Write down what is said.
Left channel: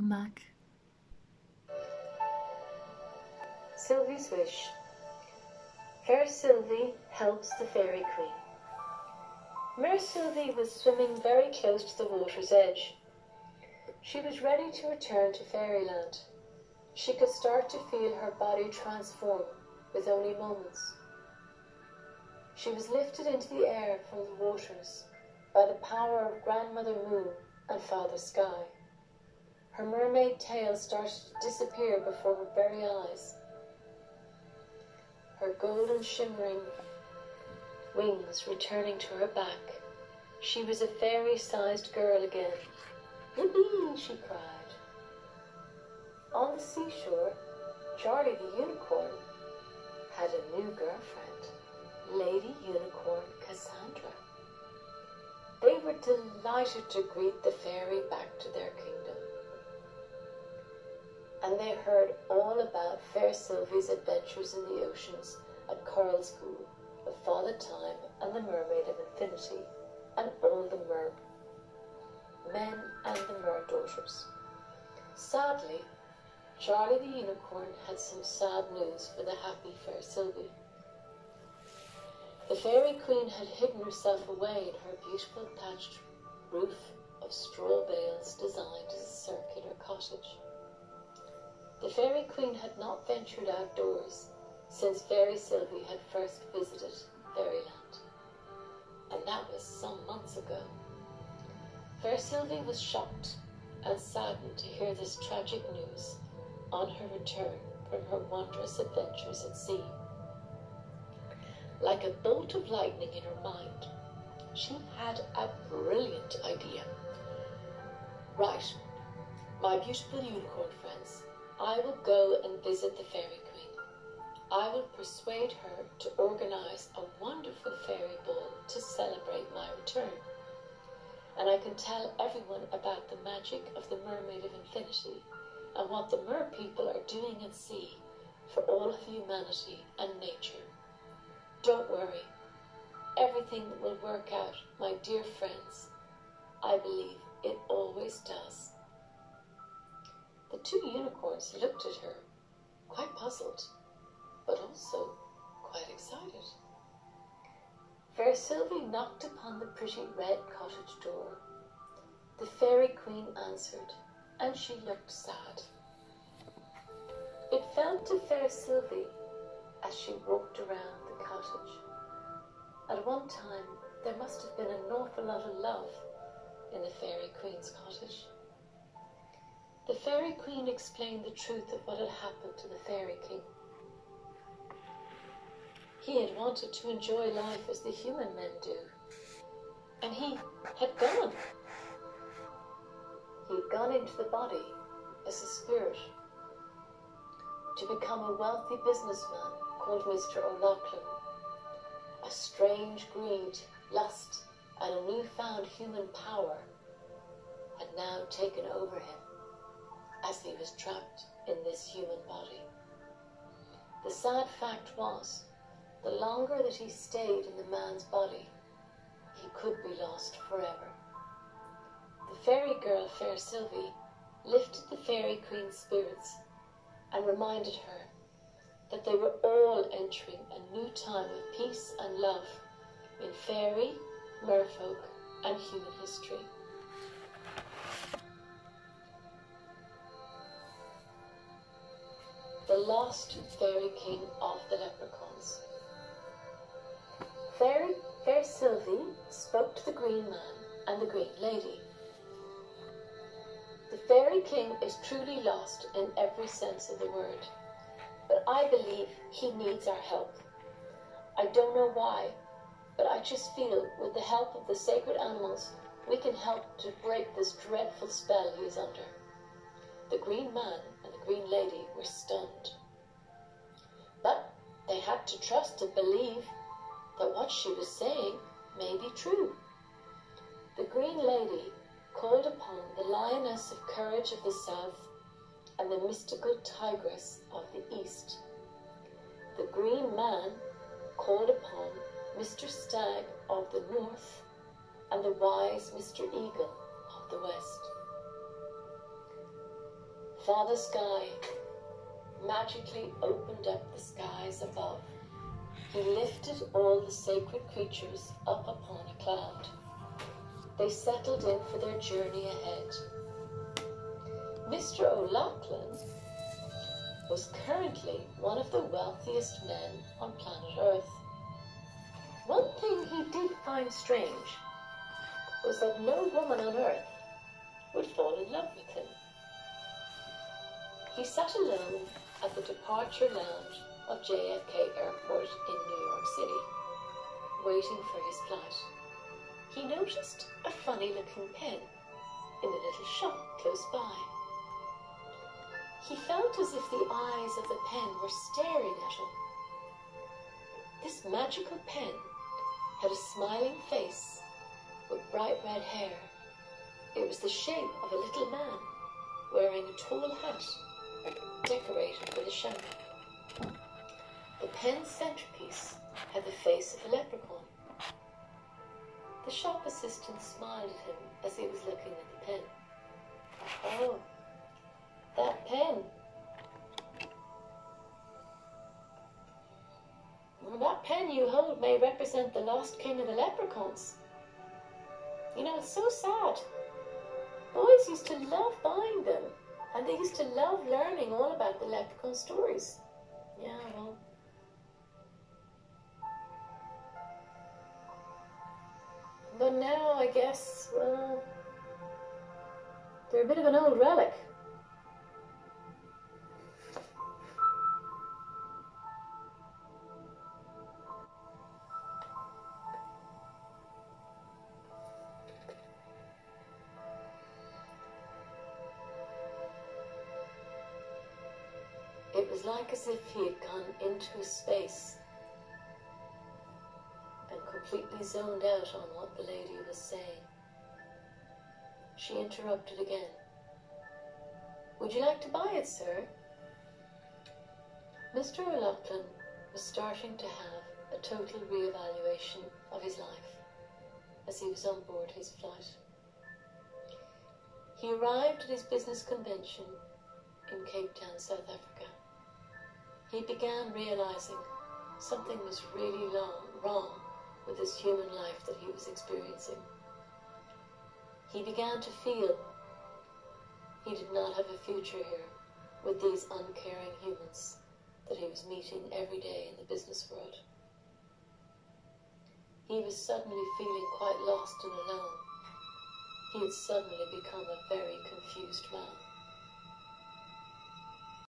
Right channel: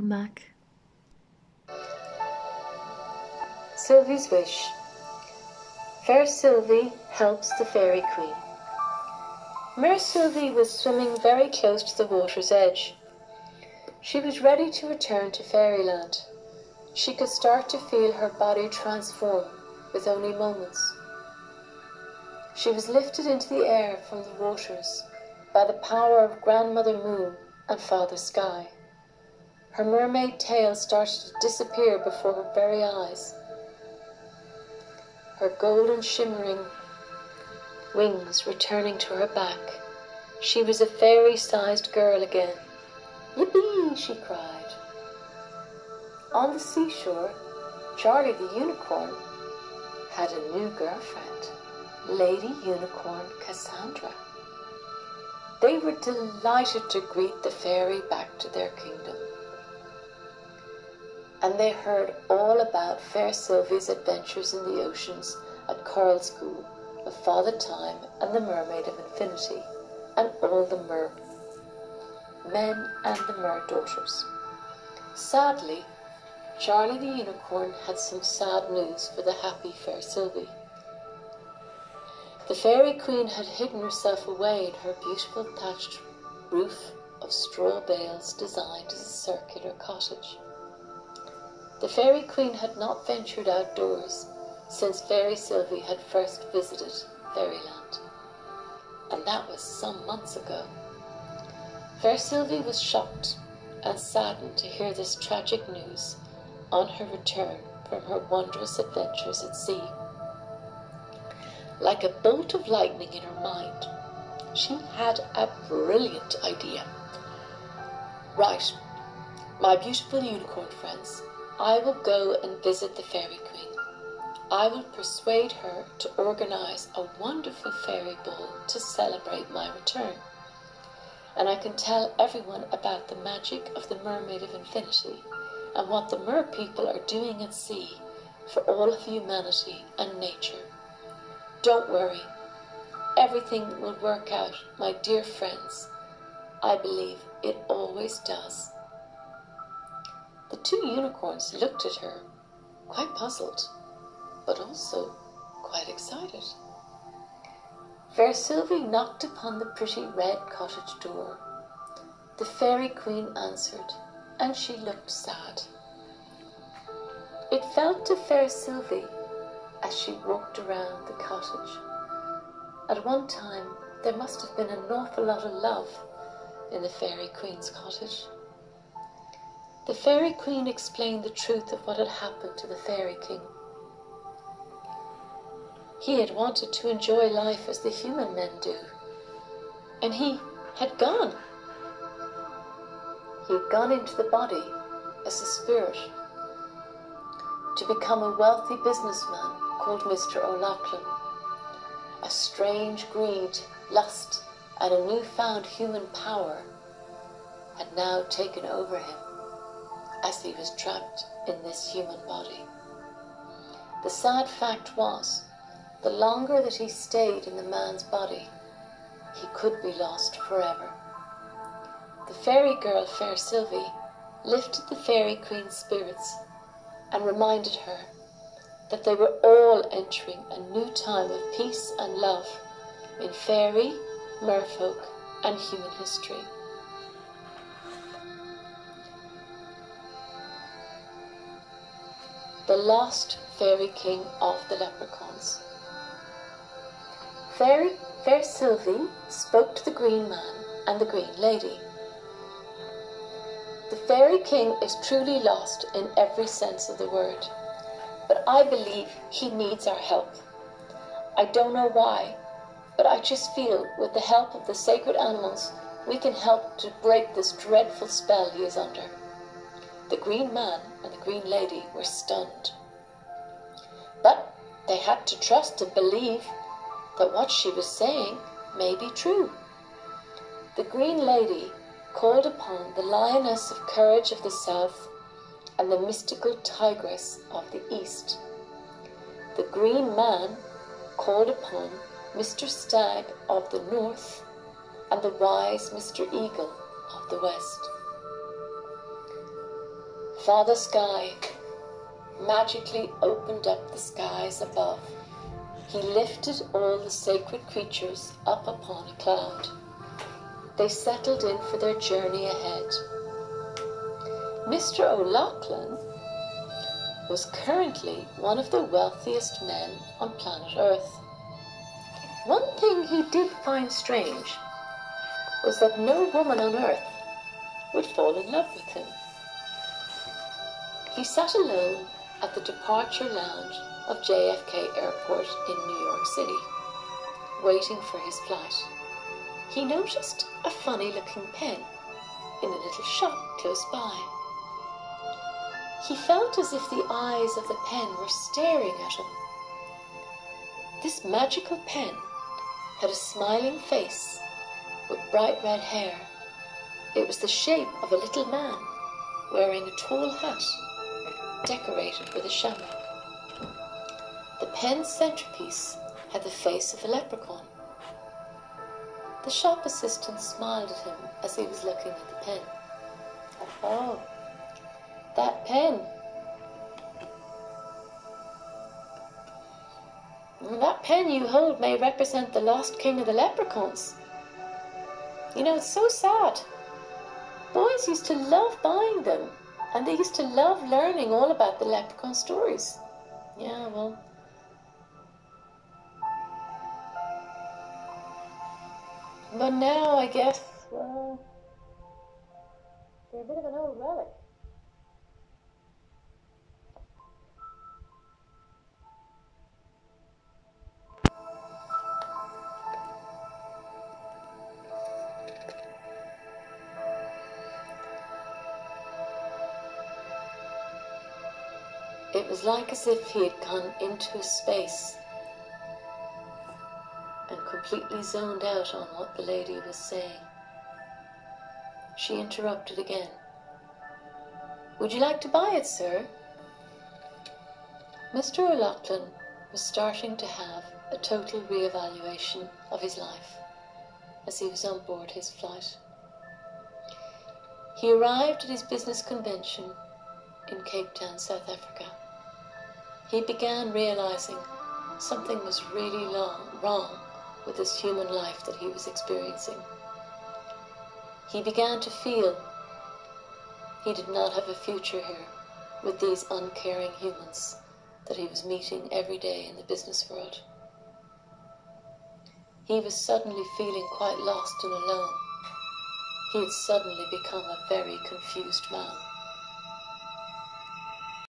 come back. Sylvie's wish. Faersylvie helps the Faerie Queen. Sylvie was swimming very close to the water's edge. She was ready to return to fairyland. She could start to feel her body transform with only moments. She was lifted into the air from the waters by the power of Grandmother Moon and Father Sky. Her mermaid tail started to disappear before her very eyes. Her golden shimmering wings returning to her back. She was a fairy-sized girl again. Yippee, she cried. On the seashore, Charlie the Unicorn had a new girlfriend, Lady Unicorn Cassandra. They were delighted to greet the fairy back to their kingdom. And they heard all about Faersylvie's adventures in the oceans at Coral School, of Father Time and the Mermaid of Infinity, and all the men and the mer daughters. Sadly, Charlie the Unicorn had some sad news for the happy Faersylvie. The Faerie Queen had hidden herself away in her beautiful thatched roof of straw bales designed as a circular cottage. The Faerie Queen had not ventured outdoors since Faersylvie had first visited Fairyland, and that was some months ago. Faersylvie was shocked and saddened to hear this tragic news on her return from her wondrous adventures at sea. Like a bolt of lightning in her mind, she had a brilliant idea. Right, my beautiful unicorn friends, I will go and visit the Faerie Queen. I will persuade her to organize a wonderful fairy ball to celebrate my return. And I can tell everyone about the magic of the Mermaid of Infinity and what the mer people are doing at sea for all of humanity and nature. Don't worry, everything will work out, my dear friends. I believe it always does. The two unicorns looked at her, quite puzzled, but also quite excited. Faersylvie knocked upon the pretty red cottage door. The Faerie Queen answered, and she looked sad. It felt to Faersylvie as she walked around the cottage. At one time, there must have been an awful lot of love in the Faerie Queen's cottage. The Faerie Queen explained the truth of what had happened to the Faerie King. He had wanted to enjoy life as the human men do, and he had gone. He had gone into the body as a spirit to become a wealthy businessman called Mr. O'Loughlin. A strange greed, lust, and a newfound human power had now taken over him as he was trapped in this human body. The sad fact was, the longer that he stayed in the man's body, he could be lost forever. The fairy girl Faersylvie lifted the Faerie Queen's spirits and reminded her that they were all entering a new time of peace and love in fairy, merfolk, and human history. The lost Faerie King of the Leprechauns. Faersylvie spoke to the Green Man and the Green Lady. The Faerie King is truly lost in every sense of the word, but I believe he needs our help. I don't know why, but I just feel with the help of the sacred animals, we can help to break this dreadful spell he is under. The Green Man and the Green Lady were stunned, but they had to trust and believe that what she was saying may be true. The Green Lady called upon the Lioness of Courage of the South and the mystical Tigress of the East. The Green Man called upon Mr. Stag of the North and the wise Mr. Eagle of the West. Father Sky magically opened up the skies above. He lifted all the sacred creatures up upon a cloud. They settled in for their journey ahead. Mr. O'Loughlin was currently one of the wealthiest men on planet Earth. One thing he did find strange was that no woman on Earth would fall in love with him. He sat alone at the departure lounge of JFK Airport in New York City, waiting for his flight. He noticed a funny-looking pen in a little shop close by. He felt as if the eyes of the pen were staring at him. This magical pen had a smiling face with bright red hair. It was the shape of a little man wearing a tall hat decorated with a shamrock. The pen's centerpiece had the face of a leprechaun. The shop assistant smiled at him as he was looking at the pen. Oh, that pen. That pen you hold may represent the lost king of the leprechauns. You know, it's so sad. Boys used to love buying them, and they used to love learning all about the leprechaun stories. Yeah, well. But now, I guess, well, they're a bit of an old relic. It was like as if he had gone into a space and completely zoned out on what the lady was saying. She interrupted again. Would you like to buy it, sir? Mr. O'Loughlin was starting to have a total re-evaluation of his life as he was on board his flight. He arrived at his business convention in Cape Town, South Africa. He began realizing something was really wrong with this human life that he was experiencing. He began to feel he did not have a future here with these uncaring humans that he was meeting every day in the business world. He was suddenly feeling quite lost and alone. He had suddenly become a very confused man.